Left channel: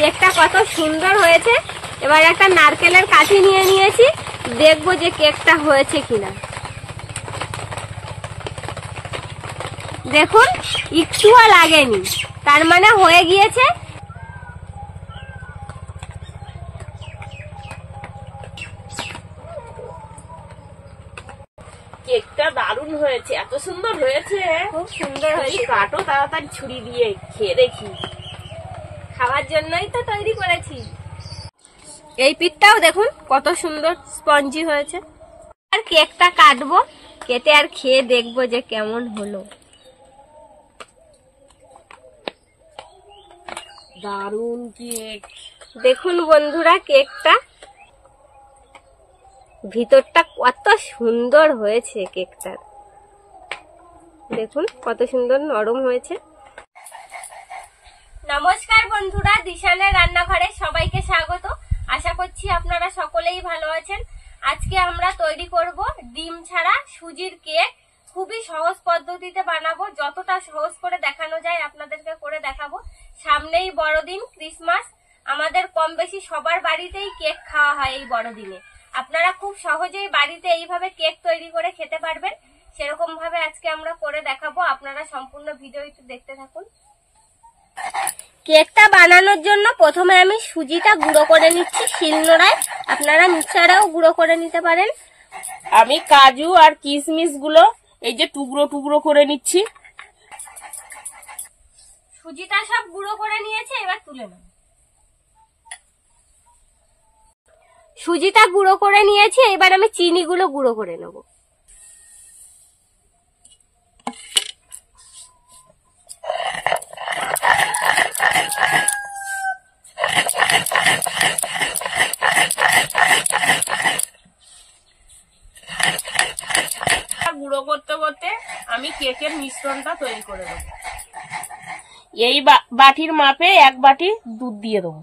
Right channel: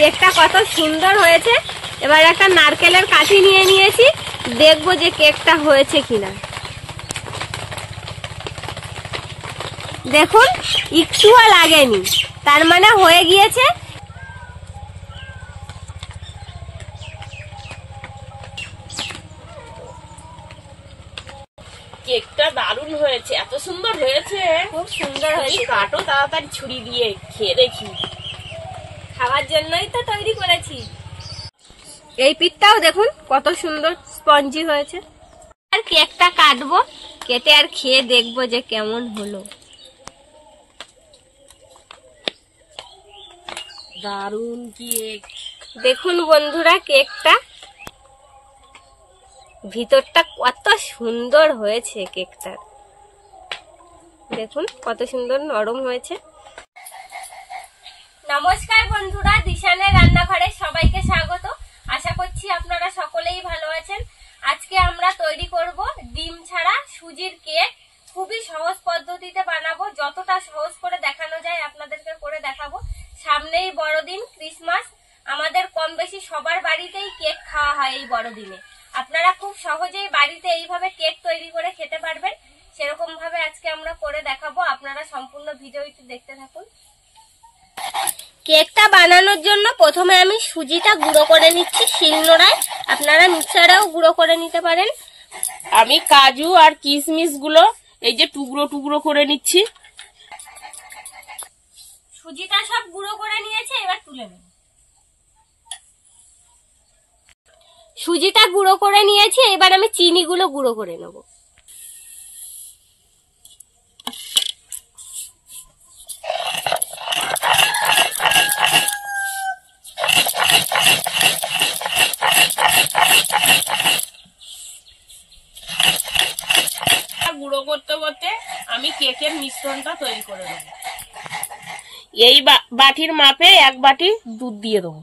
কেকটা কত সুন্দর হয়েছে। এবার একটা নারকেলের কাঠি নিয়ে নিয়েছি, দেখবো যে কেকটা হয়েছে কিনা। দেখুন একটুও লাগেনি, তার মানে হয়ে গিয়েছে। কেকটা দারুণ হয়েছে, এত সুন্দর হয়েছে, খুব সুন্দর হয়েছে। কাটো তাড়াতাড়ি ছুরি দিয়ে, খেয়ে দেখি। খাওয়ার জন্যই তো তৈরি করেছি। এই পিঠটাও দেখুন কত সুন্দর স্পঞ্জি হয়েছে। আর কেকটা কাটবো, কেটে আর খেয়ে দেখবো যে কেমন হলো। দারুণ কেক। দেখুন বন্ধুরা, কেকটা ভিতরটা কত সুন্দর হয়েছে। কেকটা দেখুন কত সুন্দর নরম হয়েছে। নমস্কার বন্ধুরা, দিশানের রান্নাঘরে সবাইকে স্বাগত। আশা করছি আপনারা সকলেই ভালো আছেন। আজকে আমরা তৈরি করব ডিম ছাড়া সুজির কেক। খুবই সহজ পদ্ধতিতে বানাবো, যতটা সহজ করে দেখানো যায় আপনাদেরকে করে দেখাবো। সামনেই বড়দিন, ক্রিসমাস, আমাদের কম বেশি সবার বাড়িতেই কেক খাওয়া হয় এই বড়দিনে। আপনারা খুব সহজেই বাড়িতে এইভাবে কেক তৈরি করে খেতে পারবেন। সেরকম ভাবে আজকে আমরা করে দেখাবো, আপনারা সম্পূর্ণ ভিডিওটি দেখতে থাকুন। কেকটা বানানোর জন্য প্রথমে আমি সুজিটা গুঁড়ো করে নিচ্ছি শিলনোড়ায়, আপনারা মিক্সারেও গুঁড়ো করে নিতে পারেন। আমি কাজু আর কিশমিশ গুলো এই যে টুকরো টুকরো করে নিচ্ছি। সুজিটা সব গুঁড়ো করে নিয়েছে, এবার তুলে নেব। সুজিটা গুঁড়ো করে নিয়েছি, এবার আমি চিনিগুলো গুঁড়ো করে নেব। গুঁড়ো করতে করতে আমি কেকের মিশ্রণটা তৈরি করে দেবো। এই বাটির মাপে 1 বাটি দুধ দিয়ে দেবো।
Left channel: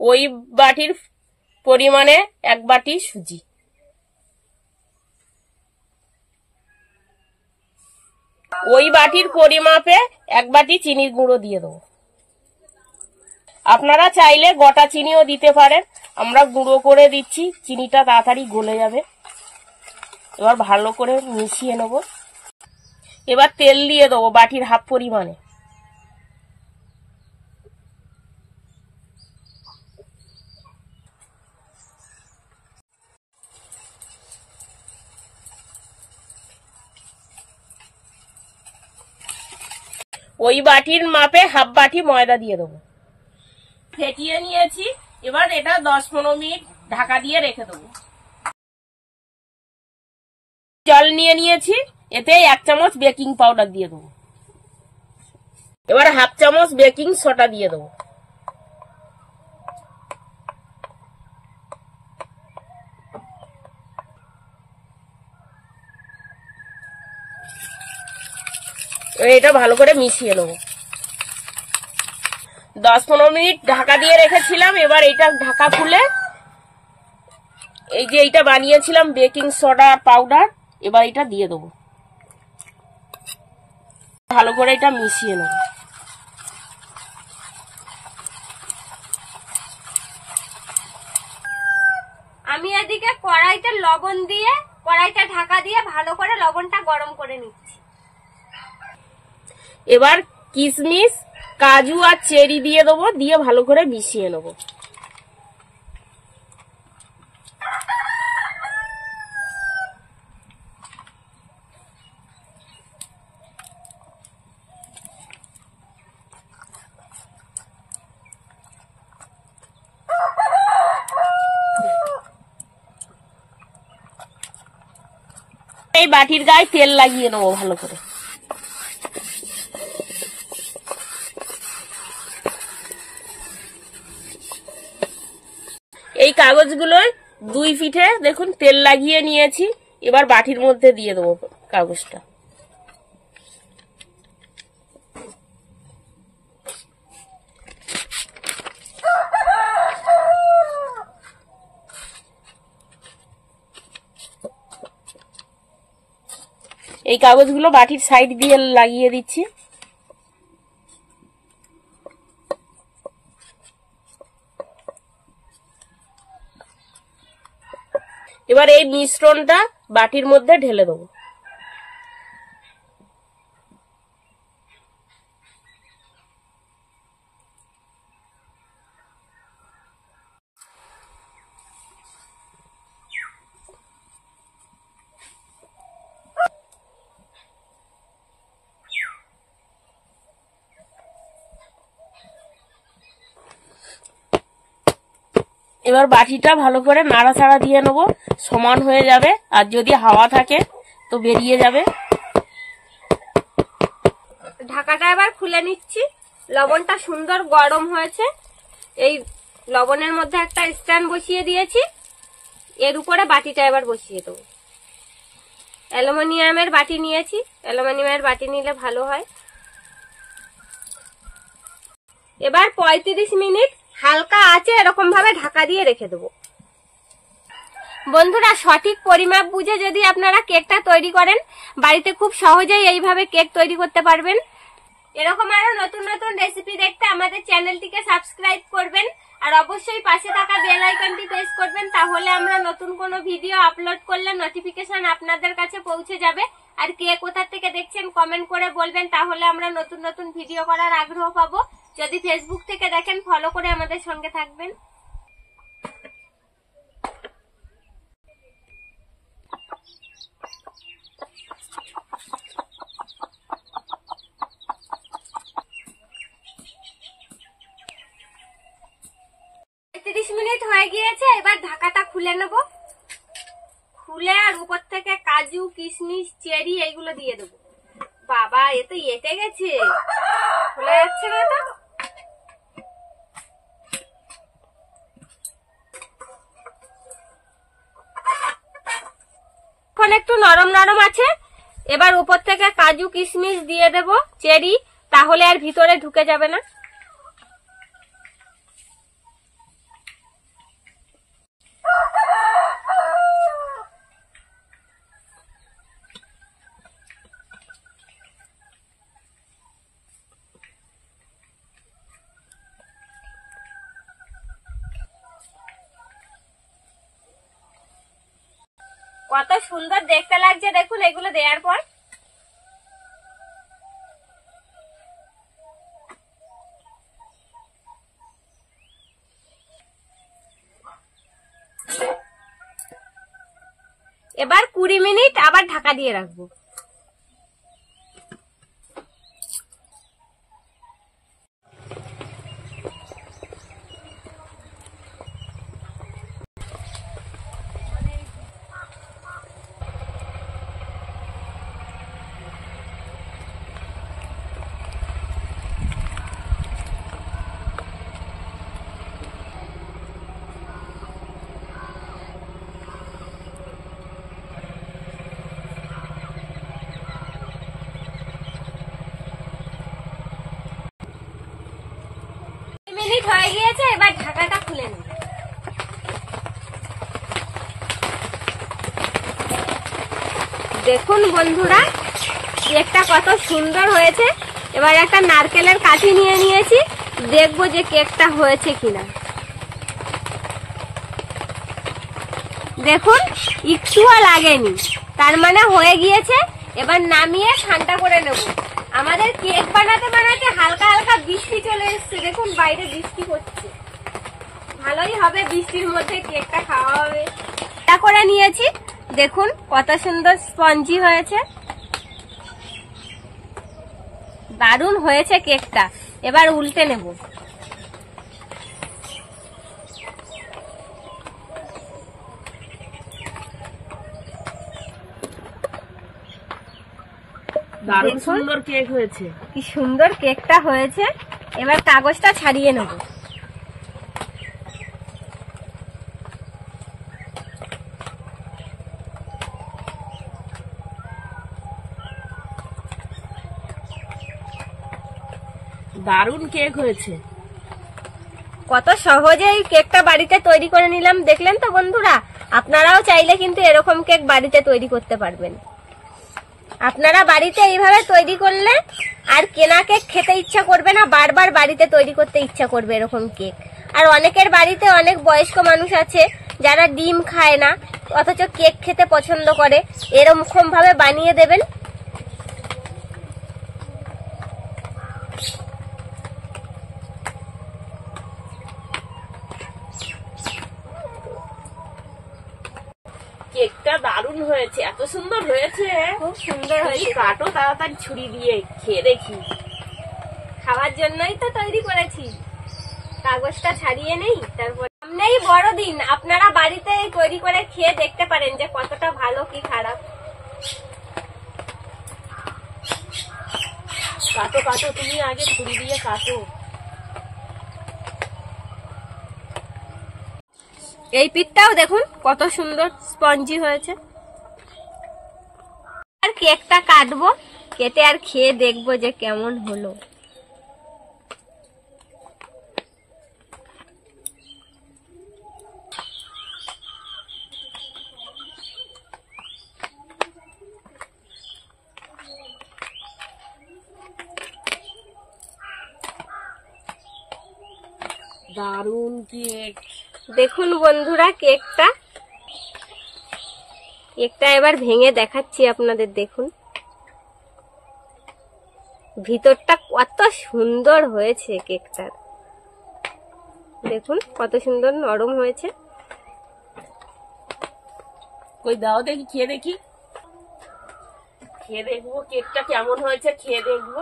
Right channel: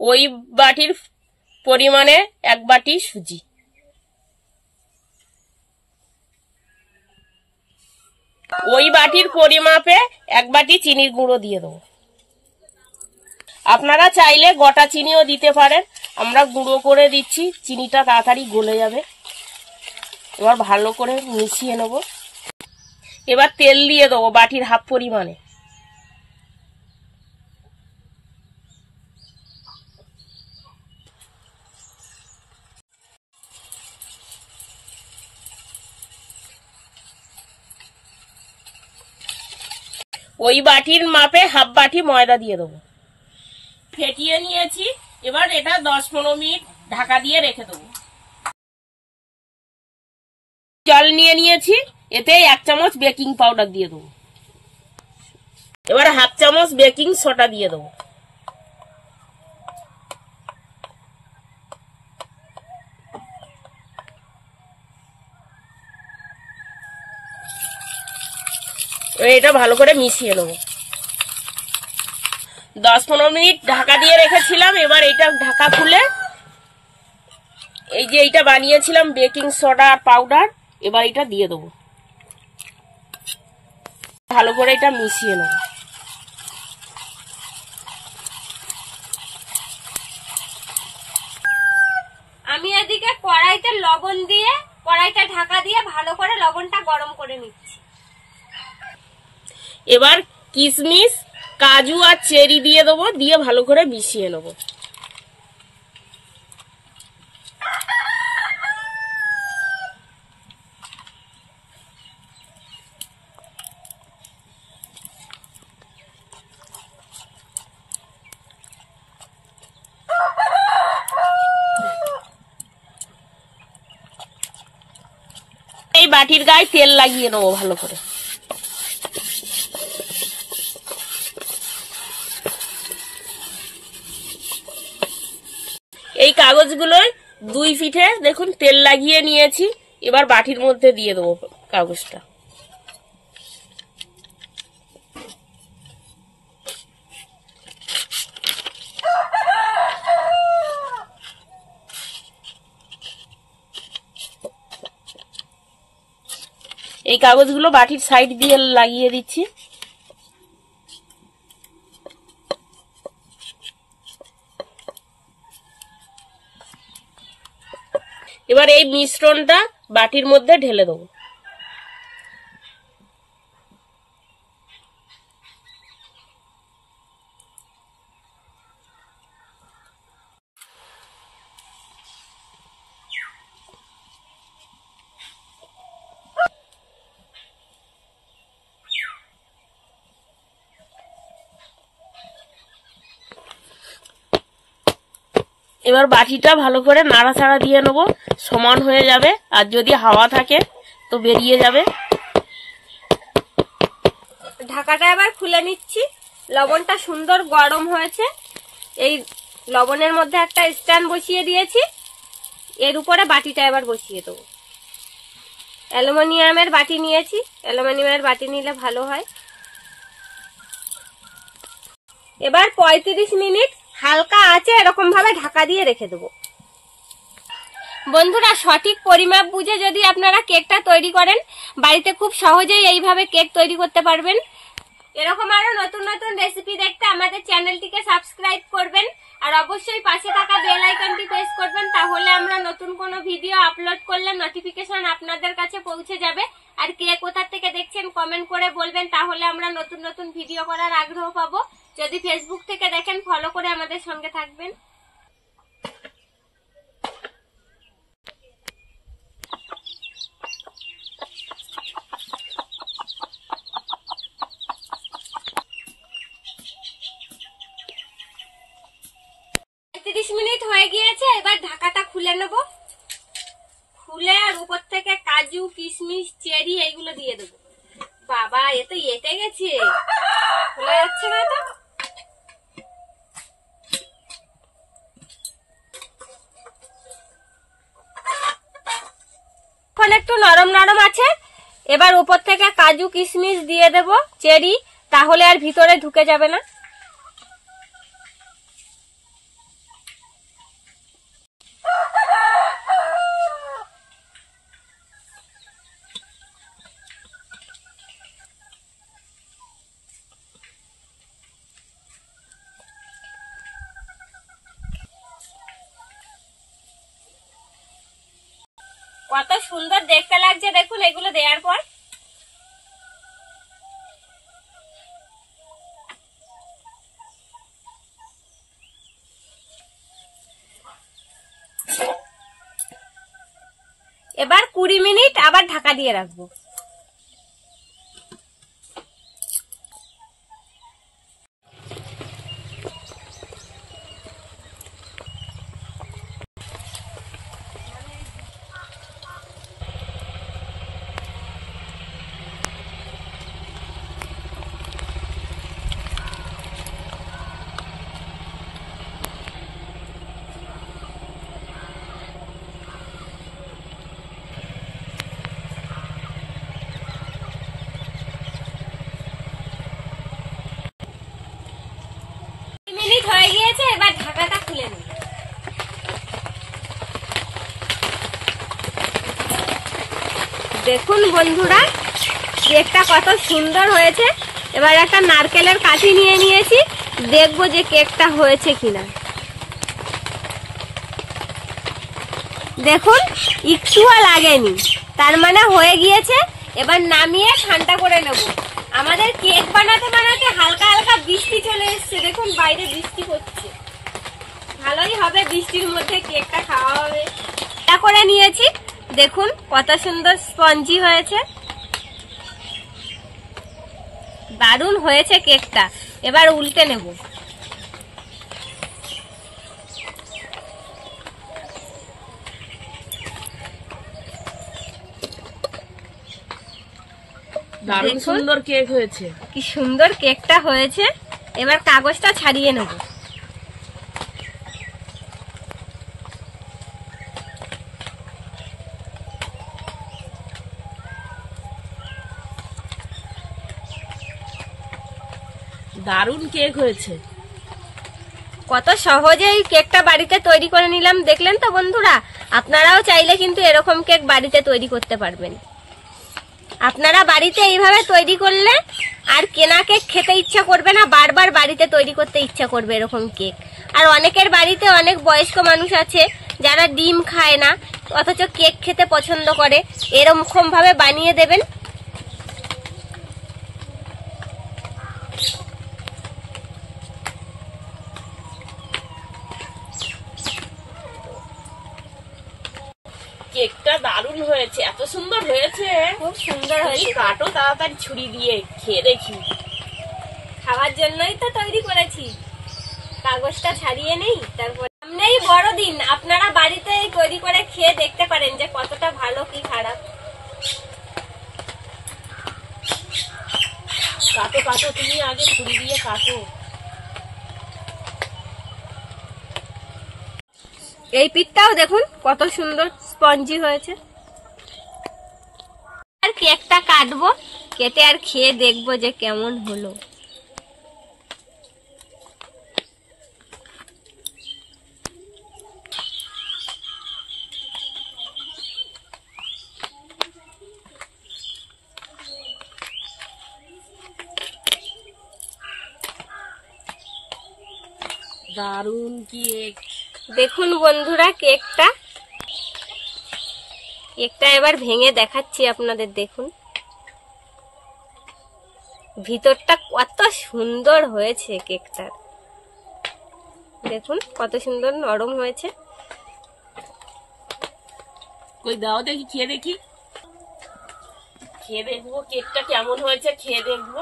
ওই বাটির পরিমাণে 1 বাটি সুজি। ওই বাটির পরিমাপে 1 বাটি চিনির গুঁড়ো দিয়ে দেবো। আপনারা চাইলে গোটা চিনিও দিতে পারেন, আমরা গুঁড়ো করে দিচ্ছি, চিনিটা তাড়াতাড়ি গলে যাবে। এবার ভালো করে মিশিয়ে নেব। এবার তেল দিয়ে দেবো বাটির হাফ পরিমাণে। ওই বাটির মাপে হাফ বাটি ময়দা দিয়ে দেবো। ফেটিয়ে নিয়েছি, এবার এটা 10-15 মিনিট ঢাকা দিয়ে রেখে দেবো। জল নিয়ে নিয়েছি, এতে 1 চামচ বেকিং পাউডার দিয়ে দেবো। এবার হাফ চামচ বেকিং সোডা দিয়ে দেবো। এটা ভালো করে মিশিয়ে নেবো। 10-15 মিনিট ঢাকা দিয়ে রেখেছিলাম। এবার এটা ঢাকা খুলে এই যে এইটা বানিয়েছিলাম বেকিং সোডা পাউডার, এবার এটা দিয়ে দেবো। ভালো করে এটা মিশিয়ে নেব। আমি এদিকে কড়াইতে লবণ দিয়ে, কড়াইটা ঢাকা দিয়ে ভালো করে লবণটা গরম করে নিচ্ছি। এবার কিশমিশ, কাজু আর চেরি দিয়ে দেবো, দিয়ে ভালো করে মিশিয়ে নেব। এই বাটির গায়ে তেল লাগিয়ে নেবো ভালো করে। এই কাগজগুলোয় 2 পিঠে দেখুন তেল লাগিয়ে নিয়েছি। এবার বাটির মধ্যে দিয়ে দেবো কাগজটা। এই কাগজগুলো বাটির সাইড দিয়ে লাগিয়ে দিচ্ছি। এবার এই মিশ্রণটা বাটির মধ্যে ঢেলে দেবো। এবার বাটিটা ভালো করে নাড়াচাড়া দিয়ে নেবো, সমান হয়ে যাবে। আর যদি হাওয়া থাকে তো বেরিয়ে যাবে। ঢাকাটা এবার খুলে নিচ্ছি। লবণটা সুন্দর গরম হয়েছে। এই লবণের মধ্যে একটা স্ট্যান্ড বসিয়ে দিয়েছি, এর উপরে বাটিটা এবার বসিয়ে দেবো। অ্যালুমিনিয়ামের বাটি নিয়েছি, অ্যালুমিনিয়ামের বাটি নিলে ভালো হয়। এবার 35 মিনিট হালকা আঁচে এরকম ভাবে ঢাকা দিয়ে রেখে দেবো। বন্ধুরা, সঠিক পরিমাপ বুঝে যদি আপনারা কেকটা তৈরি করেন, বাড়িতে খুব সহজেই এইভাবে কেক তৈরি করতে পারবেন। এরকম আরো নতুন নতুন রেসিপি দেখতে আমাদের চ্যানেলটিকে সাবস্ক্রাইব করবেন, আর অবশ্যই পাশে থাকা বেল আইকনটি প্রেস করবেন, তাহলে আমরা নতুন কোনো ভিডিও আপলোড করলে নোটিফিকেশন আপনাদের কাছে পৌঁছে যাবে। আর কে কোথা থেকে দেখছেন কমেন্ট করে বলবেন, তাহলে আমরা নতুন নতুন ভিডিও করার আগ্রহ পাবো। যদি ফেসবুক থেকে দেখেন ফলো করে আমাদের সঙ্গে থাকবেন। মিনিট হয়ে গিয়েছে, এবার ঢাকাটা খুলে নেব। খুলে আর উপর থেকে কাজু, কিশমিশ, চেরি এইগুলো দিয়ে দেবো। বাবা, এ তো এটে গেছে, খোলা যাচ্ছে না তো। এখন একটু নরম নরম আছে। এবার উপর থেকে কাজু, কিশমিশ দিয়ে দেব, চেরি, তাহলে আর ভিতরে ঢুকে যাবে না। কত সুন্দর দেখতে লাগছে দেখুন এগুলো দেওয়ার পর। এবার 20 মিনিট আবার ঢাকা দিয়ে রাখবো। মিনিট হয়ে গিয়েছে, এবার ঢাকাটা খুলে নেব। দেখুন বন্ধুরা, কেকটা কত সুন্দর হয়েছে। এবার একটা নারকেলের কাঠি নিয়ে নিয়েছি, দেখবো যে কেকটা হয়েছে কিনা। দেখুন একটুও লাগেনি, তার মানে হয়ে গিয়েছে। এবার নামিয়ে ঠান্ডা করে নেব। আমাদের কেক বানাতে বানাতে হালকা হালকা বৃষ্টি চলে এসছে, দেখুন বাইরে বৃষ্টি হচ্ছে। ভালোই হবে, বৃষ্টির মধ্যে কেকটা খাওয়া হবে। ঠান্ডা করে নিয়েছি, দেখুন কত সুন্দর স্পঞ্জি হয়েছে, দারুণ হয়েছে কেকটা। এবার উল্টে নেব। দারুণ সুন্দর কেক হয়েছে। কি সুন্দর কেকটা হয়েছে। এবার কাগজটা ছাড়িয়ে নেব। দারুণ কেক হয়েছে। কত সহজে এই কেকটা বাড়িতে তৈরি করে নিলাম, দেখলেন তো বন্ধুরা। আপনারাও চাইলে কিন্তু এরকম কেক বাড়িতে তৈরি করতে পারবেন। আপনারা বাড়িতে এইভাবে তৈরি করলে আর কেনা কেক খেতে ইচ্ছা করবে না, বারবার বাড়িতে তৈরি করতে ইচ্ছা করবে এরকম কেক। আর অনেকের বাড়িতে অনেক বয়স্ক মানুষ আছে যারা ডিম খায় না, অথচ কেক খেতে পছন্দ করে, এরকম ভাবে বানিয়ে দেবেন। কেকটা দারুণ হয়েছে, এত সুন্দর হয়েছে, খুব সুন্দর হয়েছে। কাটো তাড়াতাড়ি ছুরি দিয়ে, খেয়ে দেখি। খাওয়ার জন্যই তো তৈরি করেছি, কাগজটা ছাড়িয়ে নেই। তারপর সামনেই বড়দিন, আপনারা বাড়িতে তৈরি করে খেয়ে দেখতে পারেন যে কতটা ভালো কি খারাপ। কাটো কাটো, তুমি আগে ছুরি দিয়ে কাটো। এই পিঠটাও দেখুন কত সুন্দর স্পঞ্জি হয়েছে। আর কেকটা কাটবো, কেটে আর খেয়ে দেখবো যে কেমন হলো। দারুণ কেক। দেখুন বন্ধুরা কেকটা এবার ভেঙে দেখাচ্ছি আপনাদের। দেখুন ভিতরটা কত সুন্দর হয়েছে কেকটার, দেখুন কত সুন্দর নরম হয়েছে। কই দাও দেখি, খেয়ে দেখি, খেয়ে দেখবো কেকটা কেমন হয়েছে, খেয়ে দেখবো।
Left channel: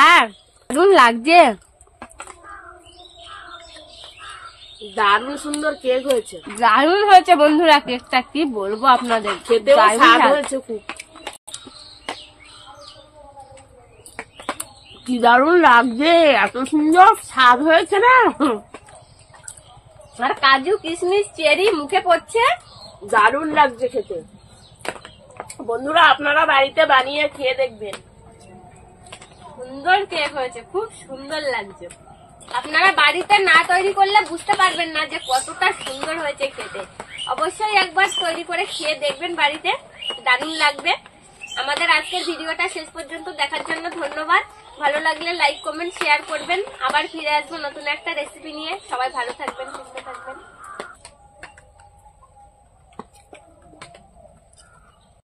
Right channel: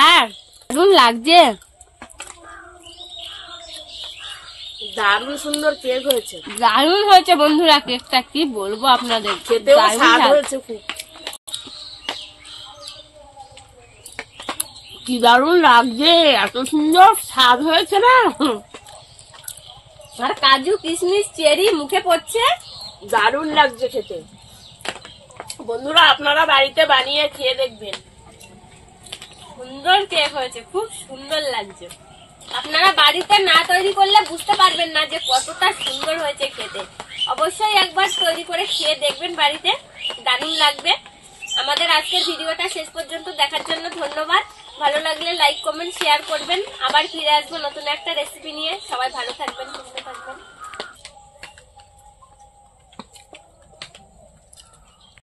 আর দারুণ লাগছে, দারুণ সুন্দর কেক হয়েছে, দারুণ হয়েছে বন্ধুরা কেকটা, কি বলবো আপনাদের, খেতেও দারুণ স্বাদ স্বাদ। হয়েছে খুব। কি দারুণ লাগছে, এত সুন্দর স্বাদ হয়েছে না। মানে কাজু কিশমিশ চেরি মুখে পড়ছে, দারুণ লাগছে খেতে। বন্ধুরা আপনারা বাড়িতে বানিয়ে খেয়ে দেখবেন। সুন্দর কেক হয়েছে, খুব সুন্দর লাগছে। আপনারা বাড়িতে না তৈরি করলে বুঝতে পারবেন না যে কতটা সুন্দর হয়েছে খেতে। অবশ্যই একবার তৈরি করে খেয়ে দেখবেন বাড়িতে, দারুণ লাগবে। আমাদের আজকের ভিডিওটা শেষ পর্যন্ত দেখার জন্য ধন্যবাদ। ভালো লাগলে লাইক কমেন্ট শেয়ার করবেন। আবার ফিরে আসবো নতুন একটা রেসিপি নিয়ে। সবাই ভালো থাকবেন, সুস্থ থাকবেন।